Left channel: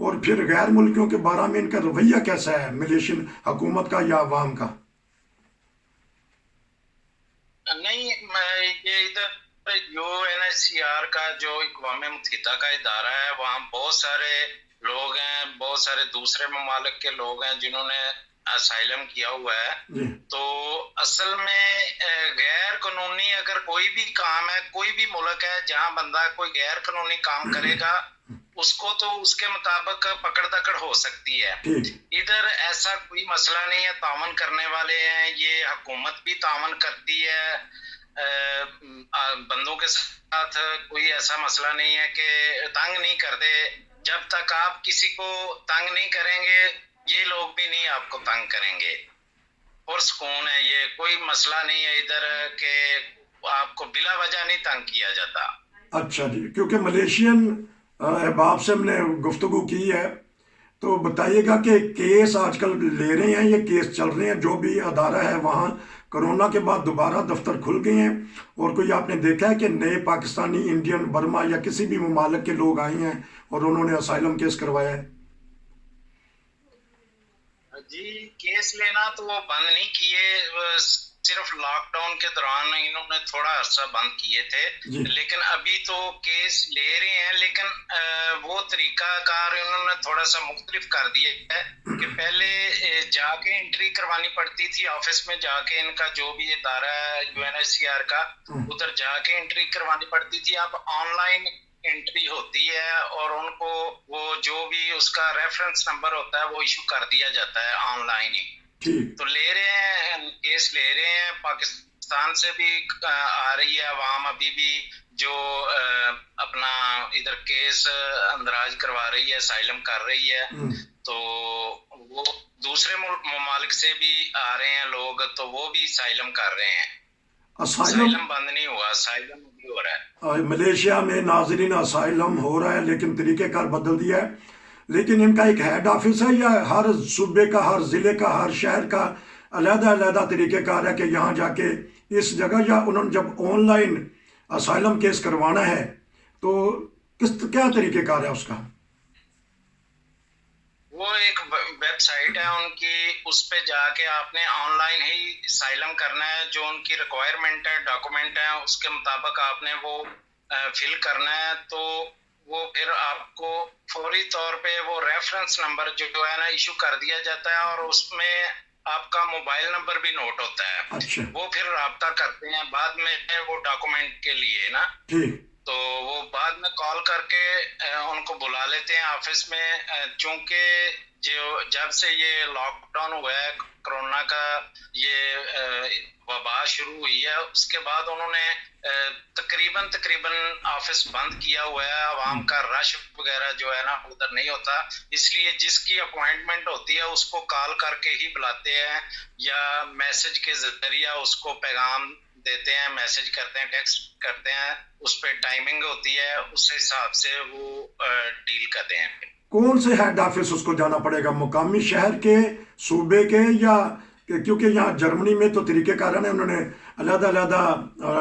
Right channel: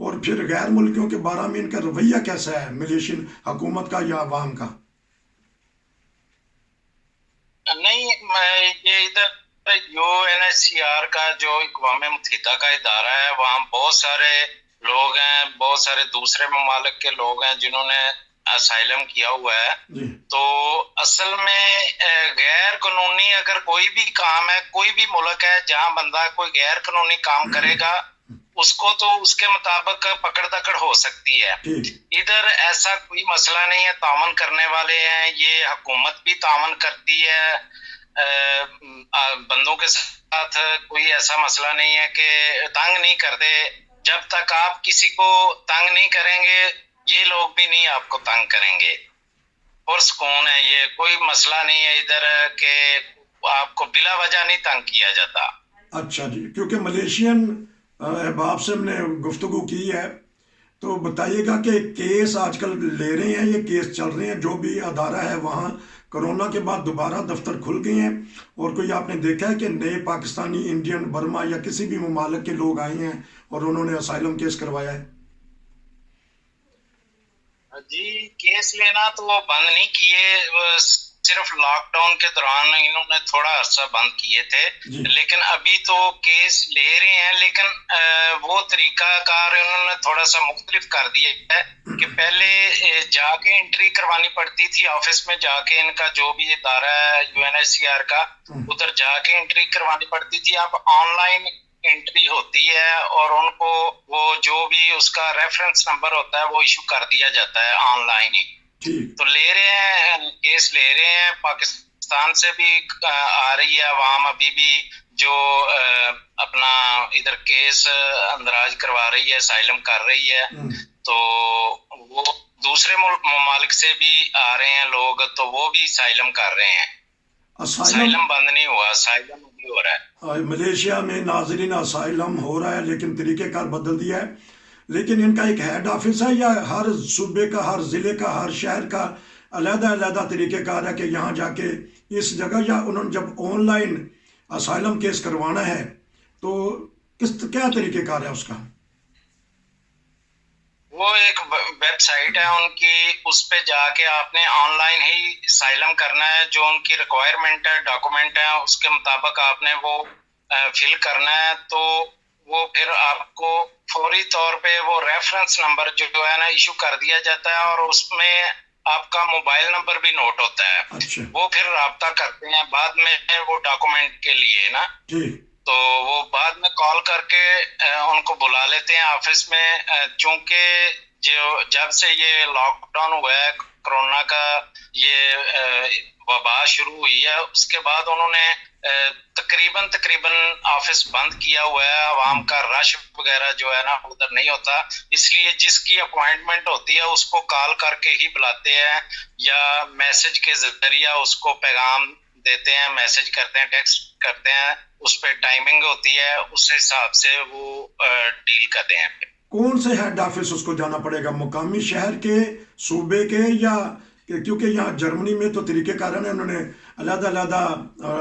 اور پھر غیر ملکیوں کے بارے میں ان کا رویہ کیسا ہے، ملیشین حکومت کا یا عوام کا؟ نہیں، یہ ادھر UNHCR کا جو اقوام متحدہ کا ادارہ ہے، وہاں بہت سارے لوگ ہیں، بہت سارے دوسرے ممالک کے لوگ ہیں جنہوں نے اسائلم کیا ہوا ہے. جی تو اصل میں غیر قانونی اگر کوئی بھی کام ہے، کوئی بھی ملک ہے جہاں بندہ کوئی غیر قانونی کام کرے گا، اس کو تو اس کے مطابق پکڑ دکڑ ہو سکتی ہے. ٹھیک. ادھر ایسا کوئی مسئلہ نہیں ہے، تعاون کرنے والے ہیں، یہ حکومت بھی تعاون کرتی ہے بندوں کے ساتھ. کوئی ایسا مسئلہ نہیں ہے کہ تنگ نہیں کرتے. جب تک آپ کسی کو تنگ نہیں کریں گے، یہ لوگ بھی نہیں آپ کو تنگ کریں گے. اور سکون ہے، یہ کوئی مسئلہ نہیں ہے ادھر کہ آپ کو بلا وجہ نہیں تنگ کیا جاتا. اچھا جی، کیونکہ ملیشین احباب سے ہم نے گفتگو کی ہے، تو بتائیے گا کہ کیس آج کل لے رہے ہیں، یہ کیس چل رہے ہیں، جو بھی ادارہ ہے وہاں کرونا کے بعد دوبارہ دفتر کھل گئے ہیں، اور کوئی آپ نے دیکھا ہے کہ نئے پاکستانی، انڈین، برما یا کسی بھی ممالک کے لوگ آئے ہیں اور انہوں نے اسائلم کیس کروایا ہے؟ جی، کیس لینا تو وہ بند نہیں کیے، صرف لاک ڈاؤن کے دوران انہوں نے تھوڑا عرصہ بند کیے تھے. جی لیکن ابھی تو کیس لے رہے ہیں، لیکن وہ طریقہ کار انہوں نے تھوڑا سا مختلف کر دیا ہے کہ پہلے جا کے انٹری کروانی پڑتی تھی آفس میں، جا کے ان کا جو بھی ادارہ ہے UNHCR کا، ادھر جا کے انٹری کروانی پڑتی تھی. اب آن لائن انٹری ہوتی ہے اور ان کو وہ جو بھی اس کا ریفرنس نمبر ہوتا ہے وہ ایشو کر دیا جاتا ہے آن لائن ہی. ٹھیک. تو لے رہے ہیں، کیس لے رہے ہیں. پاکستان سے بھی آ رہی ہے عوام ابھی بھی جو اپنا ادھر کیس اندراج کروا رہی ہے، اسائلم کر رہی ہے. تو وہ دوسرے ممالک سے بھی آ رہے ہیں لوگ، تو وہ بھی اسائلم کر رہے ہیں. اسائلم بند نہیں ہوا، اسائلم بھی ہو رہا ہے. ملیشیا میں ناظرین اسائلم ہو رہا ہے، لیکن طریقہ کار بدل دیا ہے. لیکن ان کا ایک ہیڈ آفس ہے یا ہر صوبے کا، ہر ضلع کا، ہر شہر کا علیحدہ علیحدہ طریقہ کار ہے کہ یہاں جا کے اس جگہ، یا انہوں نے جب آن لائن اسائلم کیس کروانا ہے تو کیا طریقہ کار ہے اس کا؟ وہ ایک ویب سائٹ ہے ان کی، اس پہ جا کے آپ نے آن لائن ہی اسائلم کرنا ہے. جو ان کی ریکوائرمنٹ ہے، ڈاکومنٹ ہے، اس کے مطابق آپ نے وہ فل کرنا ہے. تو وہ پھر آپ کو فوری طور پہ وہ ریفرنس نمبر جو ہے نا ایشو کر دیا جاتا ہے، اور اس میں آپ کا موبائل نمبر بھی نوٹ ہوتا ہے. اچھا. وہ پھر رابطہ کرتے ہیں بعد میں وہ ڈاکومنٹ کے لیے نا. تو وہ بعد میں کال کر کے ان کو بلا لیتے ہیں آفس میں. چونکہ جب سے یہ لاک ڈاؤن ہوا ہے، کرونا کا یہ وبا شروع ہوئی ہے، اس کے بعد انہوں نے تقریباً آفس بند کیا ہوا ہے. عوام کا رش وغیرہ جو ہے نا ادھر نہیں ہوتا، اس لیے جس کی اپوائنٹمنٹ ہوتی ہے اس کو کال کر کے ہی بلاتے ہیں، یا میسج کے ذریعہ اس کو پیغام دیتے ہیں، میسج کرتے ہیں، ٹیکسٹ کرتے ہیں. اس پہ ٹائمنگ ہوتی ہے، اس حساب سے وہ ڈیل کرتے ہیں. کون سے ہیڈ آفس اس کو جانا پڑے گا؟ مقامی شہر کے، صوبے کے، یا کیونکہ یہاں جرمنی میں تو طریقہ کار ہے، انہوں نے علیحدہ علیحدہ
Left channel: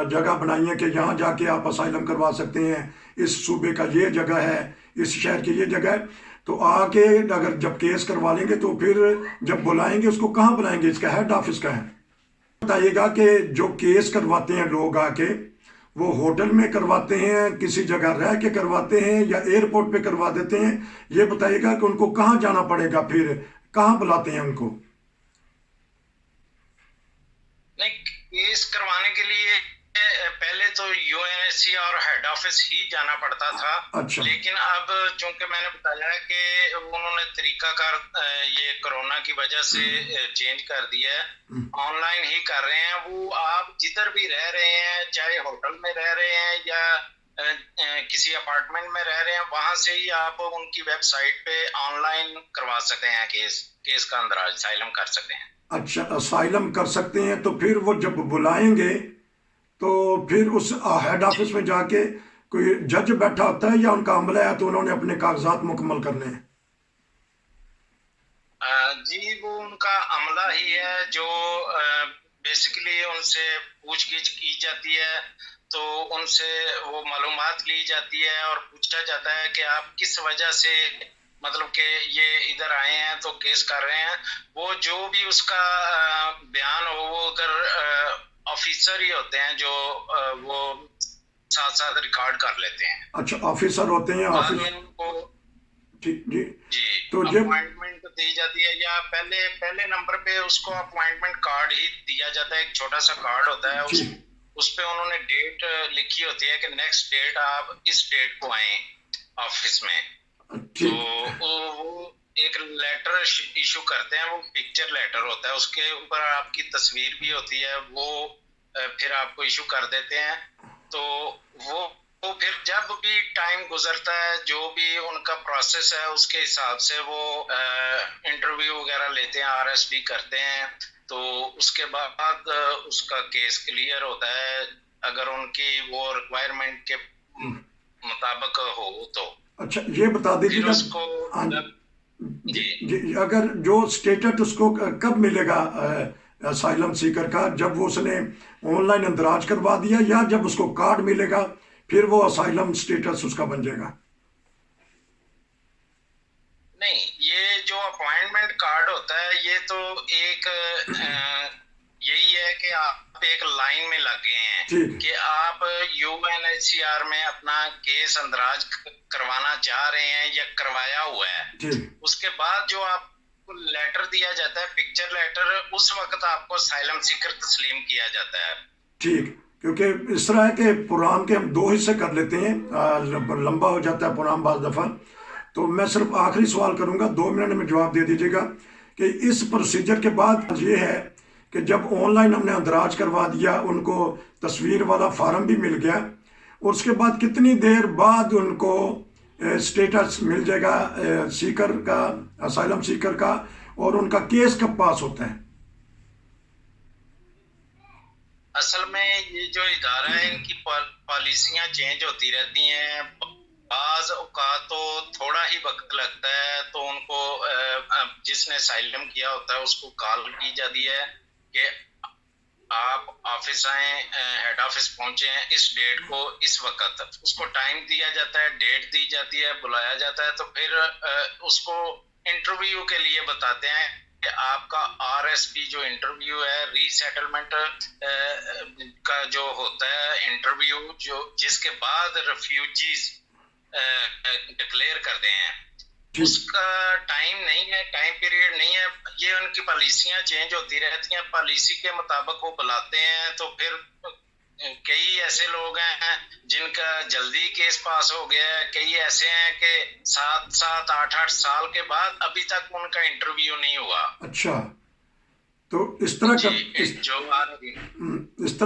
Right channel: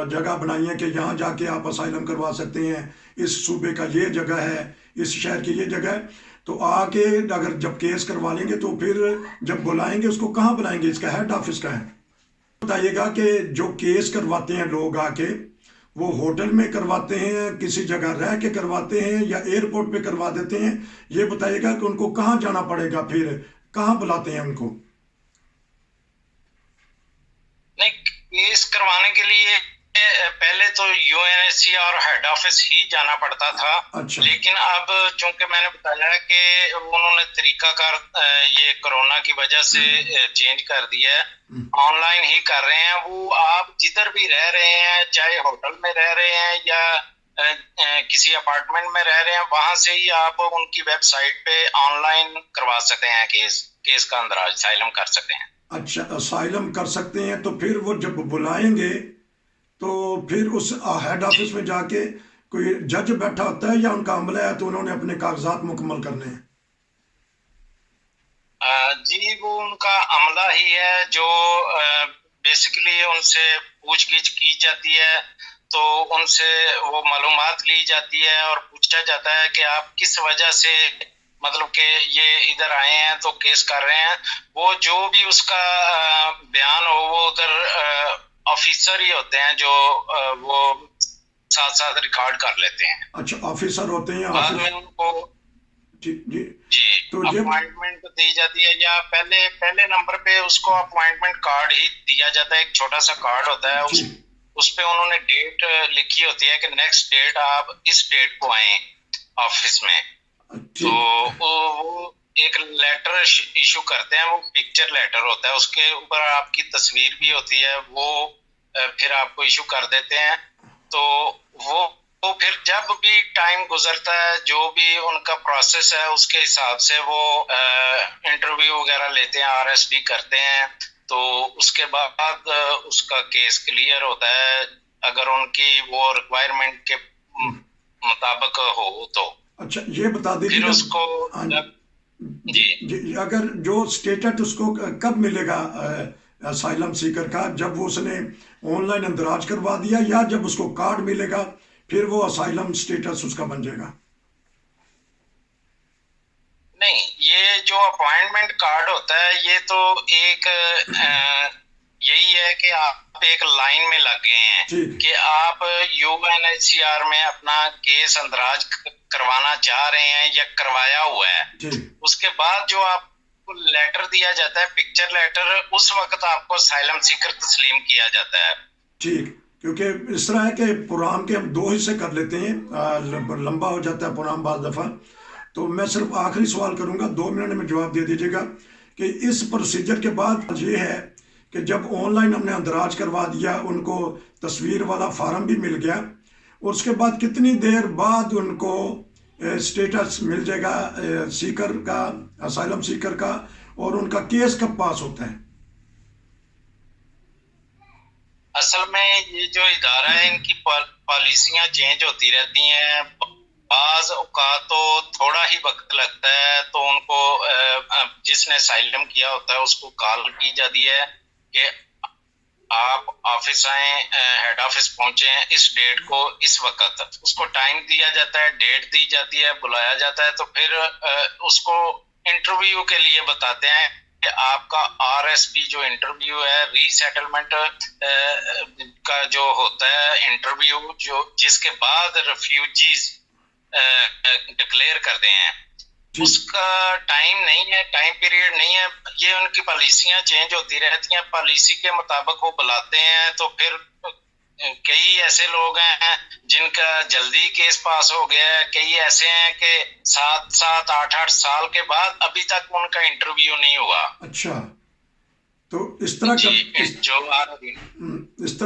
جگہ بنائی ہے کہ یہاں جا کے آپ اسائلم کروا سکتے ہیں، اس صوبے کا یہ جگہ ہے، اس شہر کی یہ جگہ ہے. تو آ کے اگر جب کیس کروا لیں گے تو پھر جب بلائیں گے اس کو کہاں بلائیں گے؟ اس کا ہیڈ آفس کا ہے. بتائیے گا کہ جو کیس کرواتے ہیں لوگ آ کے، وہ ہوٹل میں کرواتے ہیں، کسی جگہ رہ کے کرواتے ہیں، یا ایئرپورٹ پہ کروا دیتے ہیں؟ یہ بتائیے گا کہ ان کو کہاں جانا پڑے گا، پھر کہاں بلاتے ہیں ان کو؟ نہیں، کیس کروانے کے لیے پہلے تو UNHCR ہیڈ آفس ہی جانا پڑتا تھا. اچھا. لیکن اب چونکہ میں نے بتایا ہے کہ انہوں نے طریقہ کار یہ کرونا کی وجہ سے چینج کر دیا ہے، آن لائن ہی کر رہے ہیں. وہ آپ جدھر بھی رہ رہے ہیں، چاہے ہوٹل میں رہ رہے ہیں یا کسی اپارٹمنٹ میں رہ رہے ہیں، وہاں سے ہی آپ ان کی ویب سائٹ پہ آن لائن کروا سکتے ہیں، کیس کا اندراج اسائلم کر سکتے ہیں. اچھا، اسائلم کر سکتے ہیں. تو پھر وہ جب بلائیں گے تو پھر اس ہیڈ آفس میں جا کے کوئی جج بیٹھا ہوتا ہے، یا ان کا عملہ ہے تو انہوں نے اپنے کاغذات مکمل کرنے ہیں؟ جی، وہ ان کا عملہ ہی ہے جو بیسیکلی ان سے پوچھ گچھ کی جاتی ہے. تو ان سے وہ معلومات لی جاتی ہے اور پوچھا جاتا ہے کہ آپ کس وجہ سے مطلب کہ یہ ادھر آئے ہیں تو کیس کر رہے ہیں، وہ جو بھی اس کا بیان ہو وہ ادھر آفیسر ہی ہوتے ہیں جو وہ ساتھ ساتھ ریکارڈ کر لیتے ہیں. اچھا آفیسر ہوتے ہیں بعد میں ان کو جی جی تو اپوائنٹمنٹ دی جاتی ہے، یا پہلے نمبر پہ اس کو اپوائنٹمنٹ کارڈ ہی دیا جاتا ہے، ایک چھوٹا سا کارڈ ہوتا ہے، اس پہ انہوں نے ڈیٹ لکھی ہوتی ہے کہ نیکسٹ ڈیٹ آپ اس ڈیٹ کو آئیں آفس میں. تو وہ ایک لیٹر ایشو کرتے ہیں، وہ پکچر لیٹر ہوتا ہے، اس کے اوپر آپ کی تصویر بھی ہوتی ہے، وہ پھر آپ کو ایشو کر دیتے ہیں. تو وہ پھر جب بھی ٹائم گزرتا ہے جو بھی ان کا پروسیس ہے اس کے حساب سے وہ انٹرویو وغیرہ لیتے ہیں، RSD کرتے ہیں. تو اس کے بعد اس کا کیس کلیئر ہوتا ہے اگر ان کی وہ ریکوائرمنٹ کے مطابق ہو تو. اچھا یہ بتا دیجیے پھر اس کو جی اگر جو اسٹیٹس اس کو کب ملے گا اسائلم سیکر کا، جب وہ اس نے آن لائن اندراج کروا دیا یا جب اس کو کارڈ ملے گا پھر وہ اسائلم اسٹیٹس اس کا بن جائے گا؟ نہیں، یہ جو اپوائنٹمنٹ کارڈ ہوتا ہے یہ تو ایک یہی ہے کہ آپ ایک لائن میں لگ گئے ہیں کہ آپ UNHCR میں اپنا کیس اندراج کروانا چاہ رہے ہیں یا کروایا ہوا ہے. اس کے بعد جو آپ کو لیٹر دیا جاتا ہے، پکچر لیٹر، اس وقت آپ کو اسائلم سیکر تسلیم کیا جاتا ہے. ٹھیک، کیونکہ اس طرح ہے کہ پروگرام کے ہم 2 حصے کر لیتے ہیں، لمبا ہو جاتا ہے پروگرام بعض دفعہ. تو میں صرف آخری سوال کروں گا، 2 منٹ میں جواب دے دیجیے گا کہ اس پروسیجر کے بعد یہ ہے کہ جب آن لائن ہم نے اندراج کروا دیا، ان کو تصویر والا فارم بھی مل گیا، اور اس کے بعد کتنی دیر بعد ان کو اسٹیٹس مل جائے گا سیکر کا، اسائلم سیکر کا، اور ان کا کیس کب پاس ہوتا ہے؟ اصل میں یہ جو ادارہ ہے ان کی پالیسیاں چینج ہوتی رہتی ہیں، بعض اوقات تو تھوڑا ہی وقت لگتا ہے، تو ان کو جس نے اسائلم کیا ہوتا ہے اس کو کال کی جاتی ہے کہ آپ آفس آئیں، ہیڈ آفس پہنچیں اس ڈیٹ کو اس وقت. اس کو ٹائم دیا جاتا ہے، ڈیٹ دی جاتی ہے، بلایا جاتا ہے، تو پھر اس کو انٹرویو کے لیے بتاتے ہیں کہ آپ کا RSP جو انٹرویو ہے، ری سیٹلمنٹ کا جو ہوتا ہے انٹرویو، جو جس کے بعد ریفیوجیز ڈکلیئر کرتے ہیں، اس کا ٹائم نہیں ہے، ٹائم پیریڈ نہیں ہے. یہ ان کی پالیسیاں چینج ہوتی رہتی ہیں، پالیسی کے مطابق وہ بلاتے ہیں. تو پھر کئی ایسے لوگ ہیں جن کا جلدی کیس پاس ہو گیا ہے، کئی ایسے ہیں کہ 7-8 سال کے بعد ابھی تک ان کا انٹرویو نہیں ہوا. اچھا، تو اس طرح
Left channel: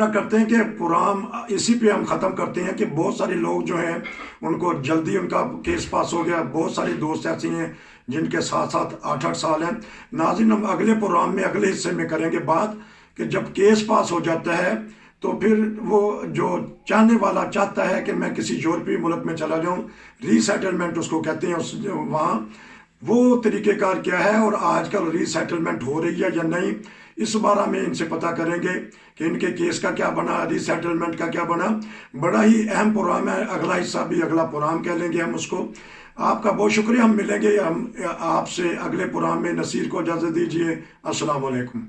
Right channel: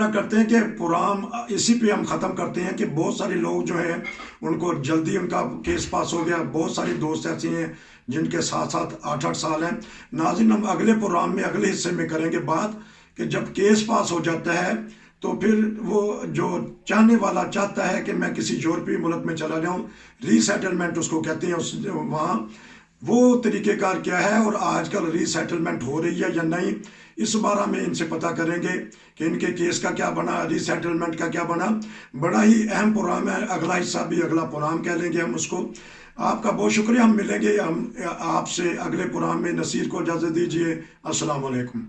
کرتے ہیں کہ پروگرام اسی پہ ہم ختم کرتے ہیں کہ بہت سارے لوگ جو ہیں ان کو جلدی ان کا کیس پاس ہو گیا. بہت ساری دوست ایسی ہیں جن کے 7-8 سال ہیں. ناظرین، ہم اگلے پروگرام میں اگلے حصے میں کریں گے بات کہ جب کیس پاس ہو جاتا ہے تو پھر وہ جو چاہنے والا چاہتا ہے کہ میں کسی یورپی ملک میں چلا جاؤں، ری سیٹلمنٹ اس کو کہتے ہیں، وہاں وہ طریقہ کار کیا ہے، اور آج کل ری سیٹلمنٹ ہو رہی ہے یا نہیں، اس بارے میں ان سے پتہ کریں گے کہ ان کے کیس کا کیا بنا، ری سیٹلمنٹ کا کیا بنا. بڑا ہی اہم پروگرام ہے، اگلا حصہ بھی اگلا پروگرام کہہ لیں گے ہم اس کو. آپ کا بہت شکریہ، ہم ملیں گے آپ سے اگلے پروگرام میں. نصیر کو اجازت دیجیے، السلام علیکم.